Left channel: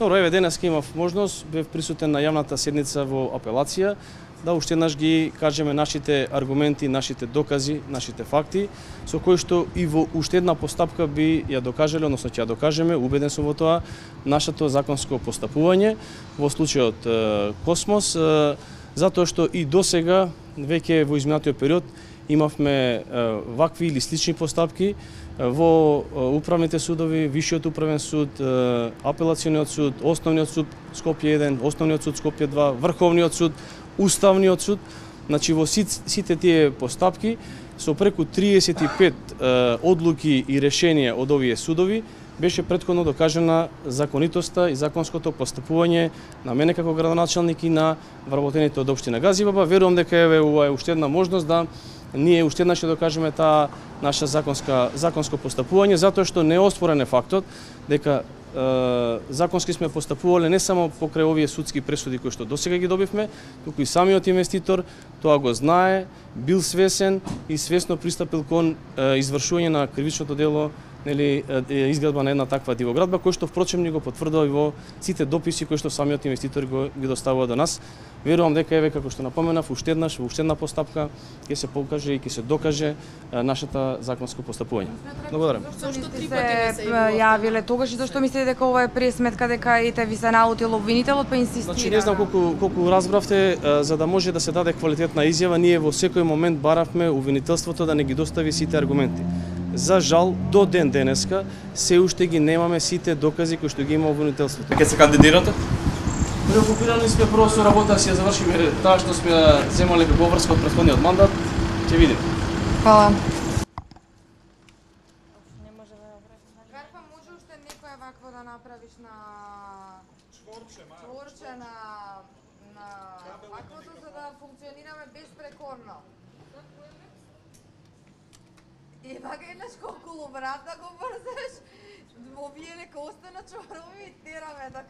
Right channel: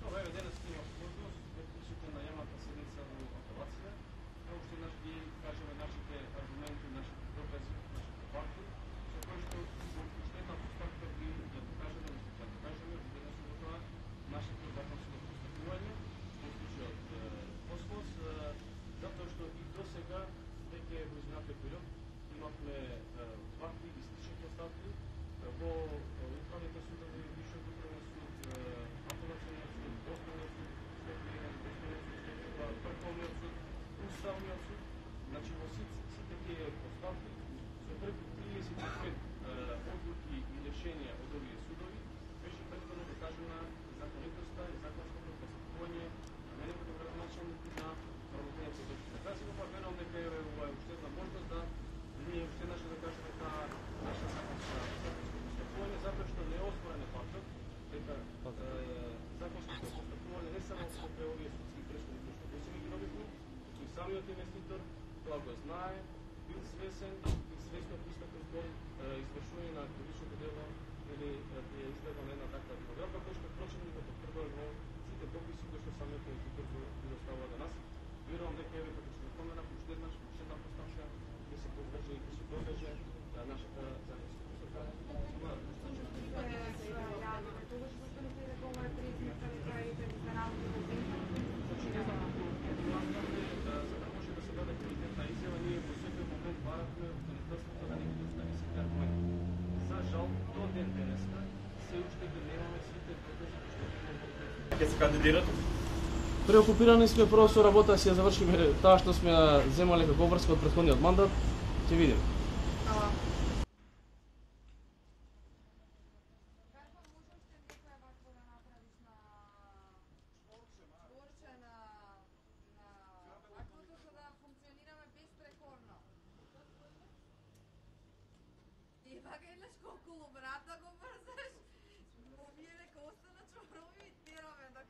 Добро, еве денеска имав можност, бев присутен на јавната седница во апелација, да уште еднаш ги кажеме нашите аргументи, нашите докази, нашите факти, со кои што и во уште една постапка би ја докажале, односно ќе ја докажеме, убеден сум во тоа, нашето законско постапување во случајот Космос, затоа што и досега, веќе во изминатиот период, имавме вакви или слични постапки во управните судови, Висшиот управен суд, Апелациониот суд, Основниот суд Скопје 1, Основниот суд Скопје 2, Врховниот суд, Уставниот суд. Значи во сите тие постапки со преку 35 одлуки и решенија од овие судови беше претходно докажана законитоста и законското постапување на мене како градоначалник и на вработените од општина Газибаба. Верувам дека еве ова е уште една можност да ние уште еднаш ќе докажеме таа наша законско постапување, затоа што не е оспорен фактот дека законски сме постапувале не само покрај овие судски пресуди кои што досега ги добивме, туку и самиот инвеститор тоа го знае, бил свесен и свесно пристапил кон извршување на кривичното дело, нели, изградба на една таква дивоградба, кој што впрочем ни го потврдува и во сите дописи кои што самиот инвеститор ги доставува до нас. Верувам дека еве како што напоменав уште еднаш во уште една постапка ќе се покаже и ќе се докаже нашата законско постапување. Благодарам. Зошто три пати не се јавиле тогаш и зашто мислите дека ова е пресметка дека ете ви се наутил обвинителот па инсистира? Значи не знам колку разбравте, за да може да се даде квалитетна изјава, ние во секој момент баравме обвинителството да не ги достави сите аргументи. За жал, до ден денеска се уште ги немаме сите докази кои што ги има обвинителството. Ке се кандидирате? Преокупирани сме прво со работа, си ја завршиме таа што сме ја земале како обврска од претходниот мандат. Ќе видиме. Хвала. Карпа, може уште некоја вакво да направиш на чворче на ваквото за да функционираме безпрекорно. И вака еднаш колку брат да го брзеш, овие нека остана чворови и тераме до крај.